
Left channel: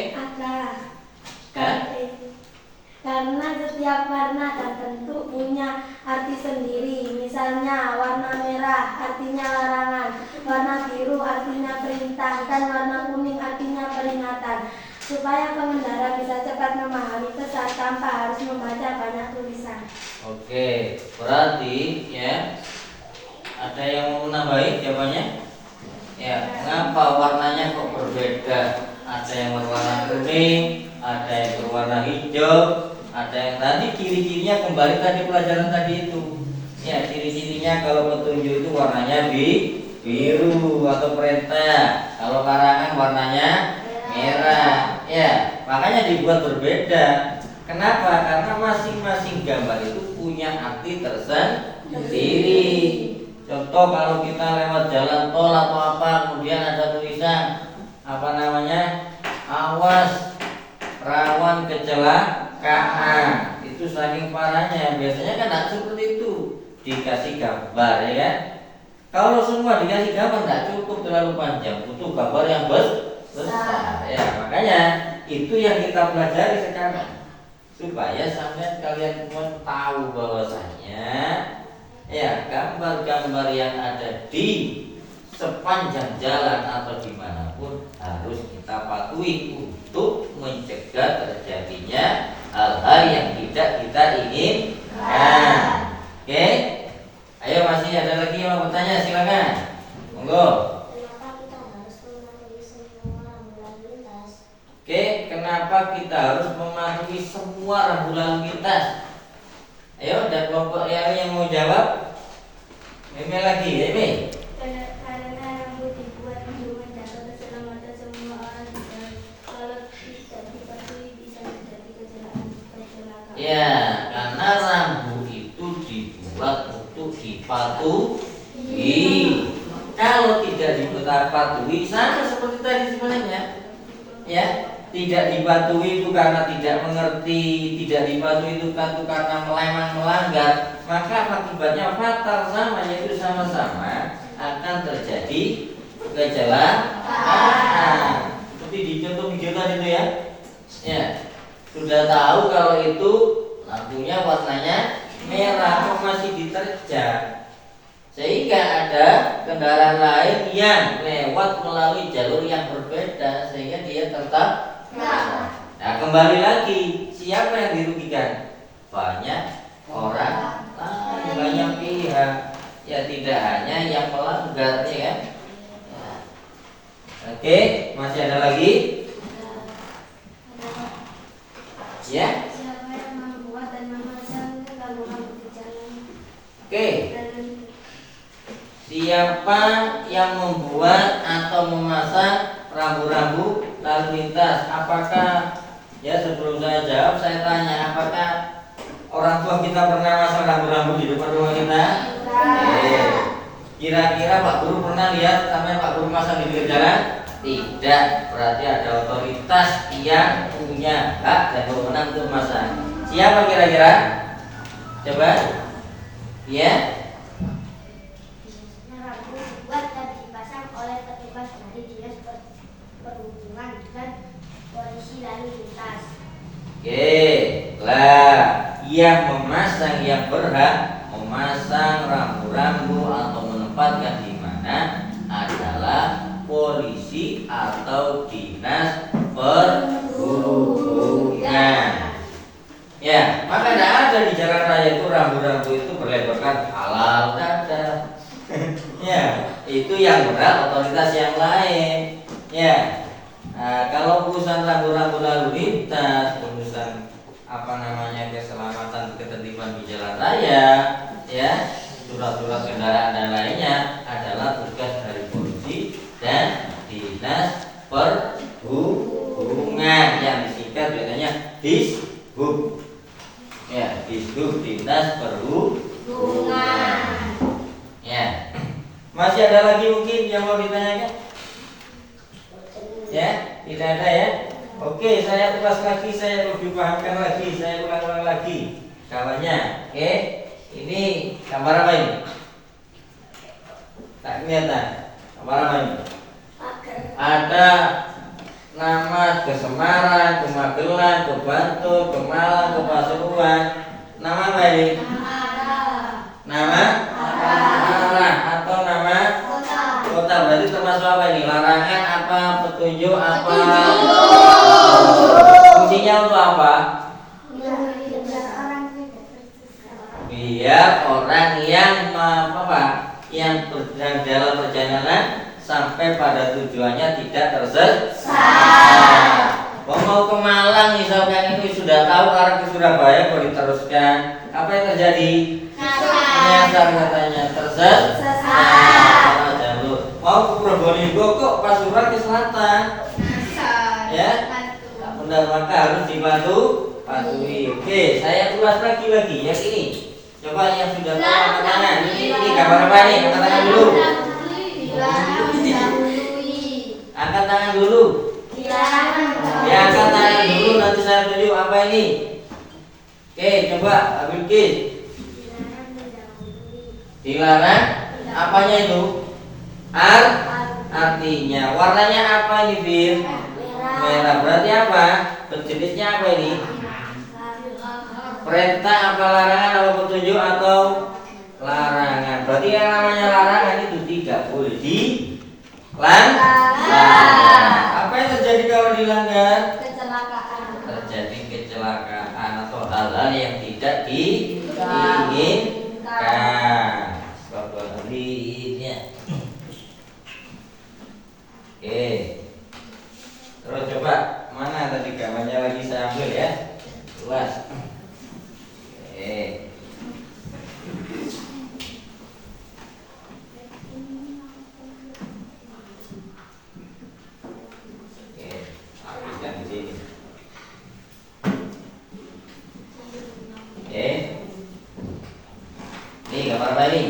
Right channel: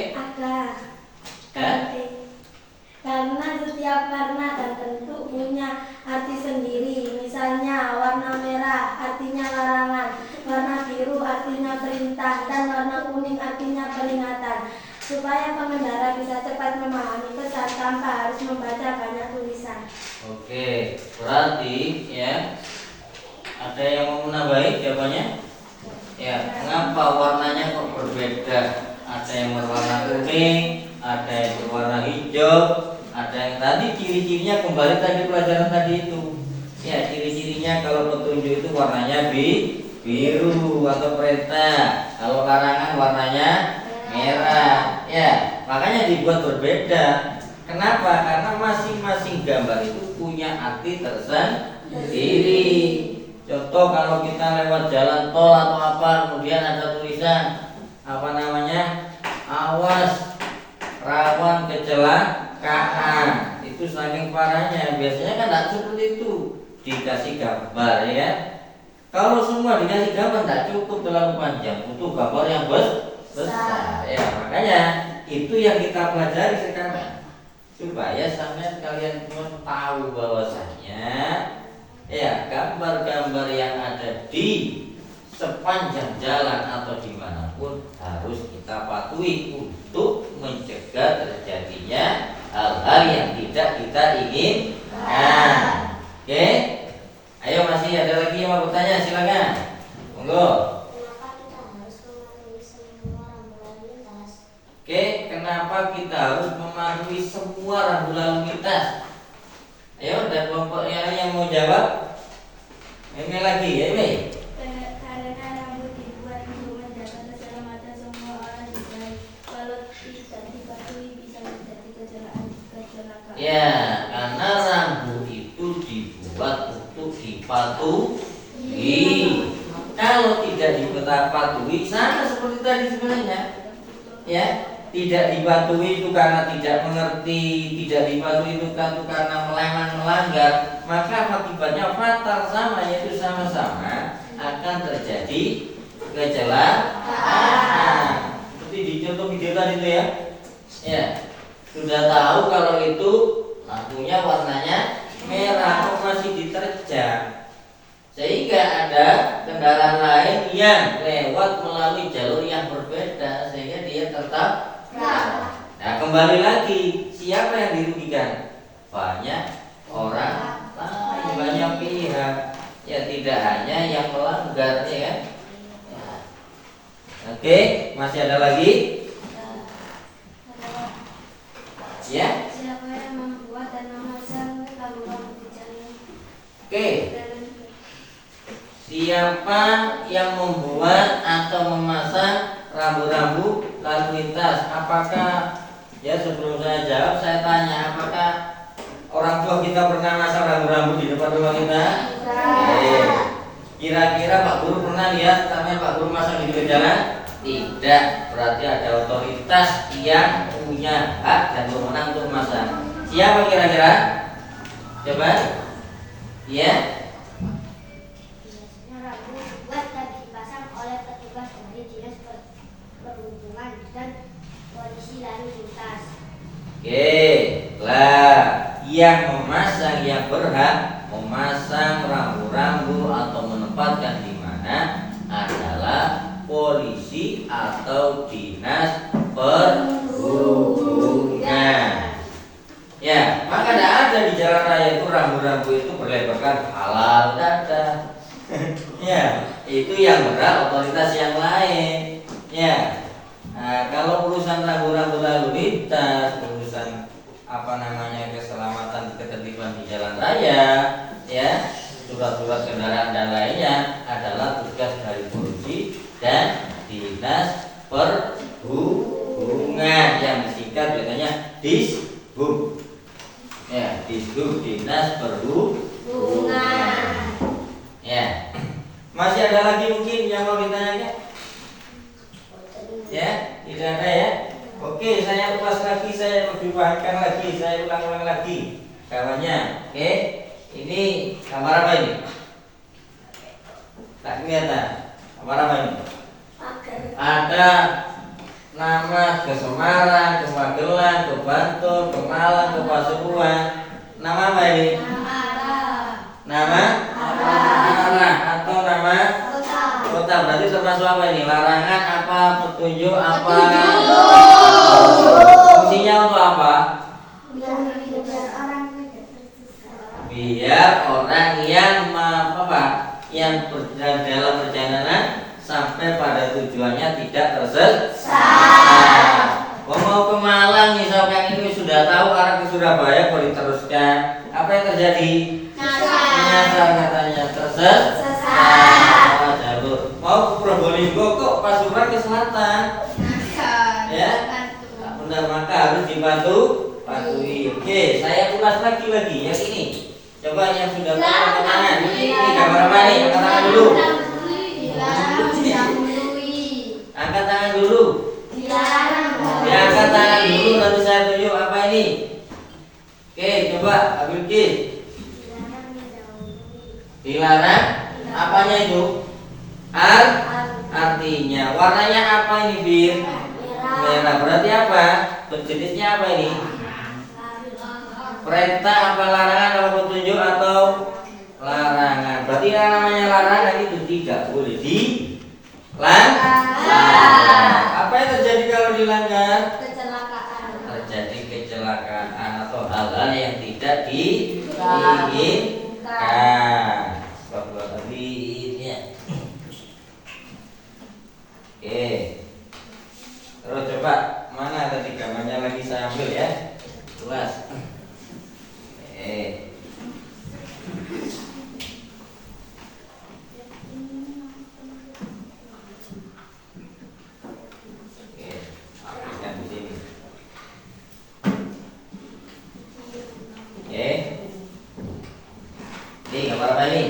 Karena setiap warna dan bentuk punya arti sendiri. Misalnya warna merah artinya larangan, warna biru artinya perintah, dan warna kuning artinya peringatan. Supaya pengendara bisa cepat memahami pesan tanpa harus membaca banyak tulisan. Oke, berarti ya ada yang mau menambahi jawabannya? Ya, mengapa warnanya kok berbeda? Ada yang berwarna kuning, ada yang berwarna hijau, ada yang tadi ciri-cirinya kembali tadi pelajaran tadi itu. Ya, ciri-cirinya kalau petunjuk itu warnanya biru atau perintah. Kalau karangan warnanya merah. Ya, makanya dibuat berbeda. Kenapa? Karena masing-masing gambar itu punya arti tersendiri. Contoh kalau kita lewat jalan tol atau apa, kemudian ada tulisan apa namanya, awas rawan kecelakaan. Itu saking parahnya. Biasanya kan tidak seperti itu, dikasih gambar ya kan. Kalau semua dikasih gambar tidak cukup, terlalu panjang, butuh gambar yang besar. Ya makanya itu yang kita pelajari sekarang, supaya sampai kalian semua tahu bahwasanya ya gambar-gambar yang ada di sepanjang jalan atau dimanapun harus kita patuhi untuk mencegah terjadinya hal-hal yang tidak kita inginkan. Oke, ayo masih ada lagi yang mau bertanya, silakan. Monggo. Kenapa kita harus mematuhi semua rambu lalu lintas? Ayo, ada kelompok yang mau jawab? Eme lagi, Eme. Karena rambu dibuat untuk menjaga keselamatan semua orang di jalan. Kalau tidak dipatuhi bisa terjadi kecelakaan. Ya, karena rambu itu dibuat untuk dipatuhi. Kalau tidak dipatuhi, sama seperti tadi sebenarnya. Ya, tidak dipatuhi itu karena tidak mengerti, tidak dipatuhi itu karena melanggar, maka akibatnya fatal, sama, yaitu sama-sama akan terjadi kecelakaan. Seperti di contoh video tadi itu ya. Ya, sudah tahu kalau itu lampunya warnanya merah, kok masih diterjang, sehingga ada kendaraan lain yang lewat melalui jalur yang berbeda, sehingga dia tetap. Nah, kembali lagi, siapa yang dirugikan? Banyak orang lain, banyak pihak. Ya tidak hanya yang melanggar, ya kan? Oke, masih ada lagi? Ya. Siapa yang membuat dan memasang rambu-rambu di jalan? Oke. Siapa yang membuat atau memasang rambu-rambu lalu lintas? Apakah, ya sebelum saya jawab, saya tanya, apakah orang tua kita pernah masang rambu-rambu di depan rumah kita? Kira-kira Pak Guru pernah lihat sampai Pak Guru masang di pinggir jalan? Tidak. Berarti ada otoritas yang punya hak dan wewenang untuk memasang. Siapa kira-kira? Coba. Iya. Biasanya rambu dibuat dan dipasang oleh petugas dari dinas perhubungan dan polisi lalu lintas. Oke, lah yang memasang, yang berhak memasang rambu-rambu atau menempatkan di mana adalah polisi atau dinas perhubungan. Ya, maka tidak ada di jalan raya itu rambu-rambu itu berlebarkan halal, tidak ada. Ya, itu yang berhak otoritas yang lain. Ya, nah, kalau urusan rambu-rambu lalu lintas, urusan keselamatan ketertiban di jalan raya, ya, surat-surat kendaraan dan lainnya adalah tugas dari polisi dan dinas perhubungan yang disingkat biasanya Dishub. Ya, Dishub, dinas perhubungan. Ya, masih ada lagi mungkin yang mau ditanyakan? Ya, tidak ada ya. Oke, saya ulas lagi, saya lebih pahamkan lagi, saya ulang-ulang lagi kawannya. Oke, ini gambar apa ini? Tak kelihatan. Gambar apa ini? Ada nama ke Semarang, ke Magelang, ke Bantul, ke Malang, ke Pasuruan. Nama apa ini? Nama arah atau nama kota. Berarti termasuk apa ini? Larangan apa? Petunjuk apa? Fungsinya untuk apa? Biar orang yang yang dalam perjalanan sampai pada tujuannya tidak tersesat. Mau ke Malang misalkan ini sudah tahu arah ke Surabaya, boleh diteruskan. Apa yang terjadi? Nyasar katanya, tersesat. Salah jalur. Mau ke Probolinggo kok Pasuruan ke selatan. Ya, tak benar, maka harus dipatuhi. Oke, saya ulas lagi yang ini. Coba yang sudah tahu angkat tangan. Ini gambar apa nih? Angkat tangan dulu. Angkat tangan dulu. Ya, angkat tangan dulu, nanti saya tunjuk apa ini. Oke, coba Abdul Kis. Dilarang. Apanya itu? Artinya. Warnanya apa ini, Bir? Merah. Berarti apa? Jenisnya apa ini? Perintah apa larangan apa petunjuk atau larangan? Berarti yang namanya larangan itu tidak boleh dilanggar. Apa yang terjadi kalau dilanggar? Terjadi kecelakaan atau hal-hal yang tidak diinginkan. Sepertinya. Oke. Terus coba mana tadi gambarnya lagi saya ambil ya. Luas. Oke. Hapuskan di sini. Oke. Ini gambar apa ini?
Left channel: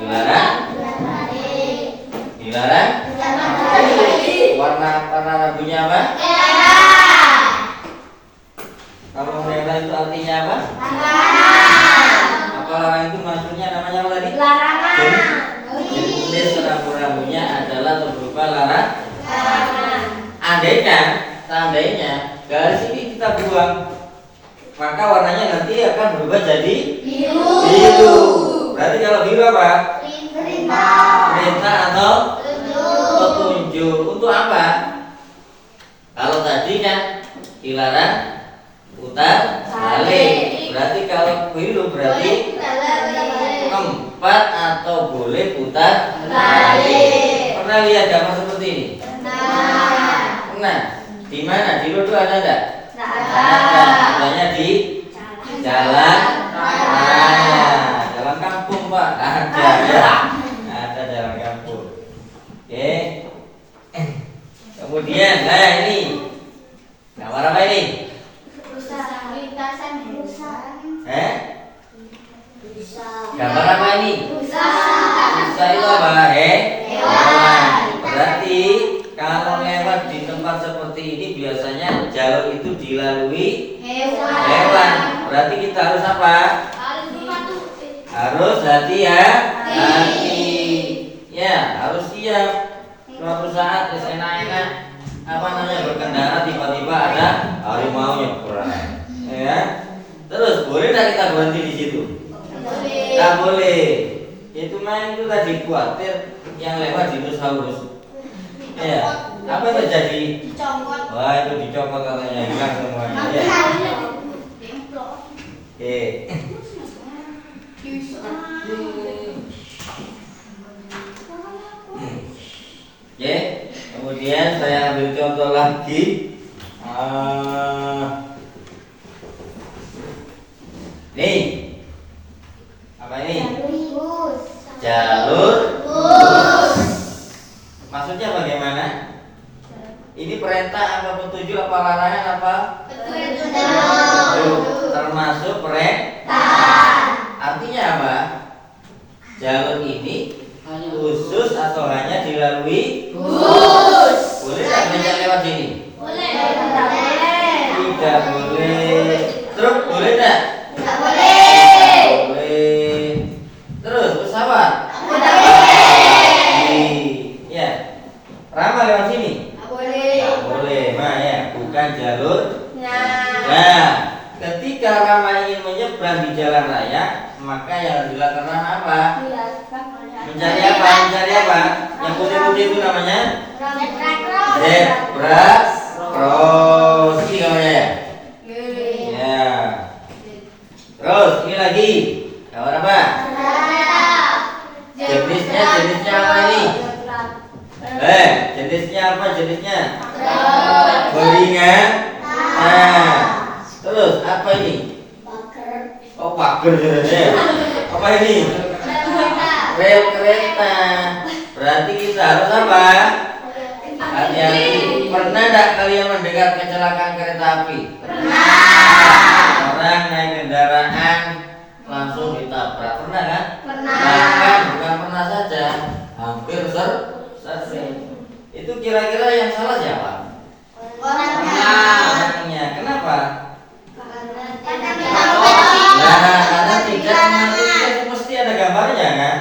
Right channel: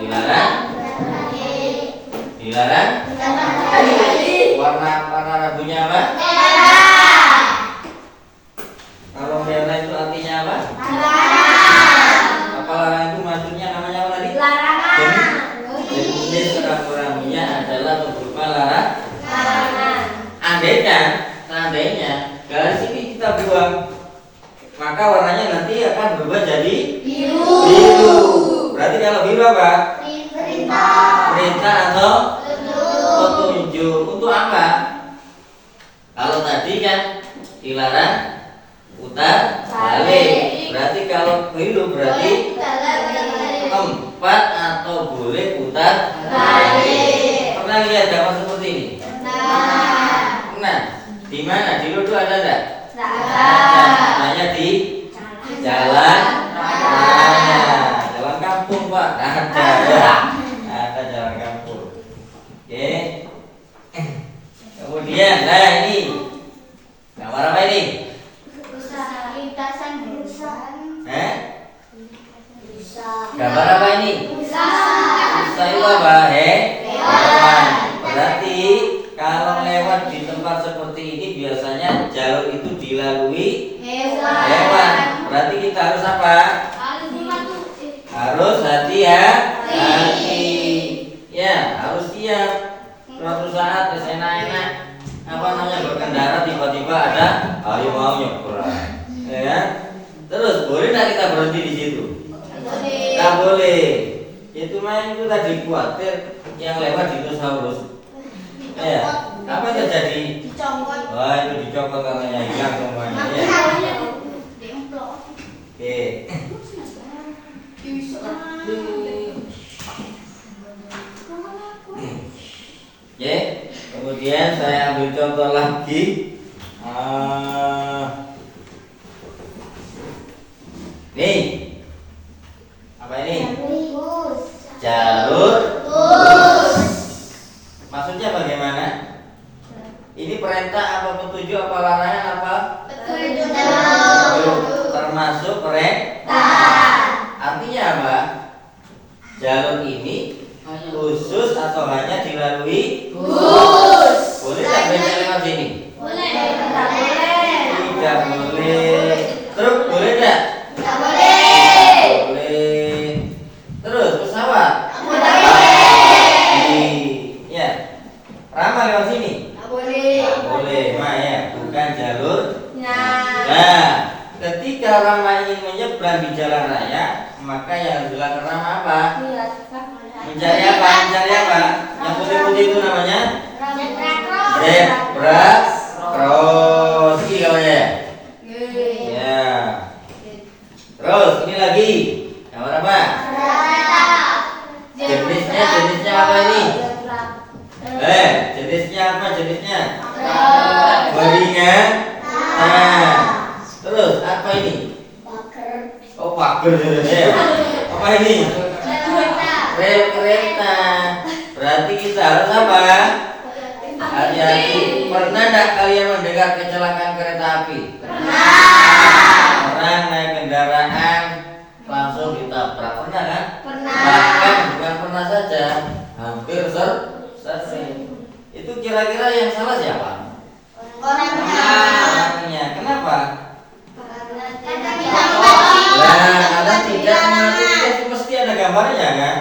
Dilarang? Warna rambunya apa? Kalau merah itu artinya apa? Apa larang itu maksudnya namanya apa tadi? Jenis rambu-rambunya adalah berupa larangan. Seandainya garis ini kita buang, maka warnanya nanti akan berubah jadi biru. Berarti kalau biru apa? Perintah atau petunjuk. Untuk apa? Kalau tadi kan dilarang putar balik. Berarti kalau biru berarti tempat atau boleh putar balik. Pernah lihat gambar seperti ini? Pernah. Di mana? Di Ludu ada enggak? Ada. Namanya di jalan raya. Jalan kampung, Pak. Ada ya. Ada jalan kampung. Oke. Kemudian, nah ini gambar apa ini? Gambar apa ini? Busa itu apa? Hewan. Berarti Kalau lewat di tempat seperti ini biasanya jalur itu dilalui hewan. Berarti kita harus apa? Harus hati-hati. Ya, harus siap. Suatu saat enak-enak berkendara tiba-tiba ada harimau nyebrang. Ya. Terus boleh tak kita berhenti di situ? Tak boleh. Itu main itu tadi khawatir yang lewat dinosaurus. Ya, apa yang terjadi? Wah, itu dicopot katanya, hilang semuanya. Ya. Oke. Oke, kemudian saya ambil contoh lagi. Nih, apa ini? Jalur lurus. Maksudnya bagaimana? Ini perintah apa petunjuk apa larangan apa? Petunjuk. Termasuk perintah. Artinya apa? Jalur ini khusus atau hanya dilalui? Khusus. Boleh tak beca lewat sini? Boleh. Tidak boleh. Truk boleh tak? Tidak boleh. Boleh. Terus pesawat? Tidak boleh. Ya. Ramah lewat sini? Tidak boleh. Tak boleh. Nah ya, bukan jalur. Nah. Nah, ketika Rama ingin menyeberang di jalan raya, maka yang harus dilakukan Rama apa? Mencari apa? Mencari apa? Yang putih-putih itu namanya zebra cross. Ini gambarnya ya? Ya. Terus ini lagi. Gambar apa? Jenisnya apa ini? Jenisnya apa jenisnya? Beringan. Nah. Terus apa ini? Oh, pagar jenisnya. Apa ini? Rel kereta. Berarti kita harus apa? Hati-hati. Pernah tidak kalian mendengar kecelakaan kereta api? Pernah. Orang naik kendaraan langsung ditabrak. Pernah kan? Pernah. Bahkan bukan pernah saja, hampir sering. Itu kira-kira yang salah siapa? Orangnya. Kenapa? Karena tidak mematuhi. Mesti ada gambarnya kan?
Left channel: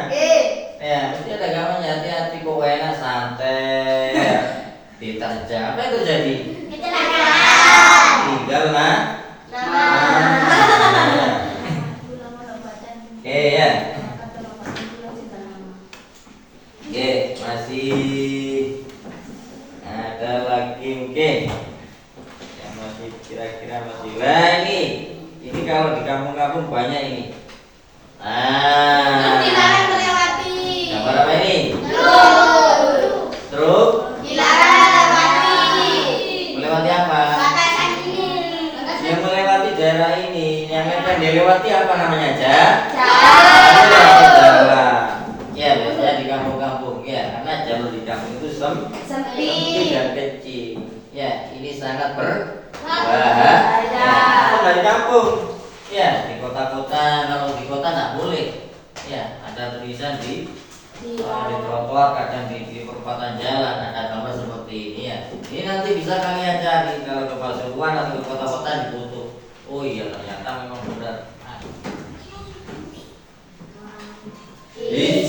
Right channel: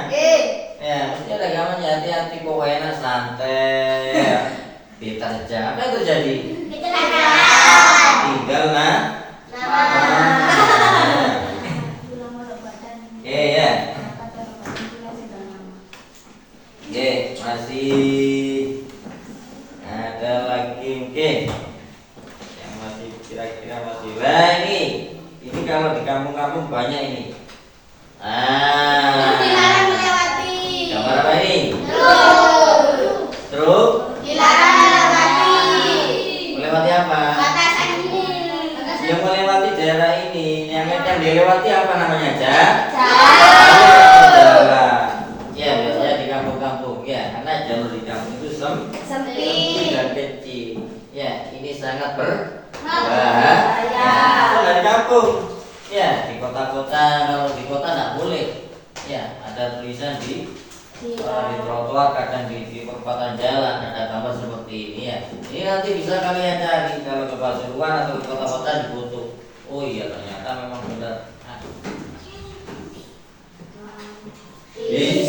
Ya, mesti ada gambarnya. Hati-hati kok enak santai. Ya. Diterjang. Apa yang terjadi? Tinggal Oke ya. Oke, masih ada lagi mungkin yang masih kira-kira masih. Nah ini kalau di kampung-kampung banyak ini. Gambar apa ini? Truk. Melewati apa? Yang melewati daerah ini, yang dilewati apa namanya? Jalan. Ya, biasanya di kampung-kampung ya, karena jalur di kampung itu sempit dan kecil. Ya, ini sangat berbahaya. Kalau di kampung, ya di kota-kota, kalau di kota nggak boleh. Ya, ada tulisan di trotoar, kadang di perempatan jalan ada gambar seperti ini ya. Ini nanti bisa kalian cari kalau ke Pasuruan atau ke kota-kota ditutup. Oh iya, ternyata memang benar. Di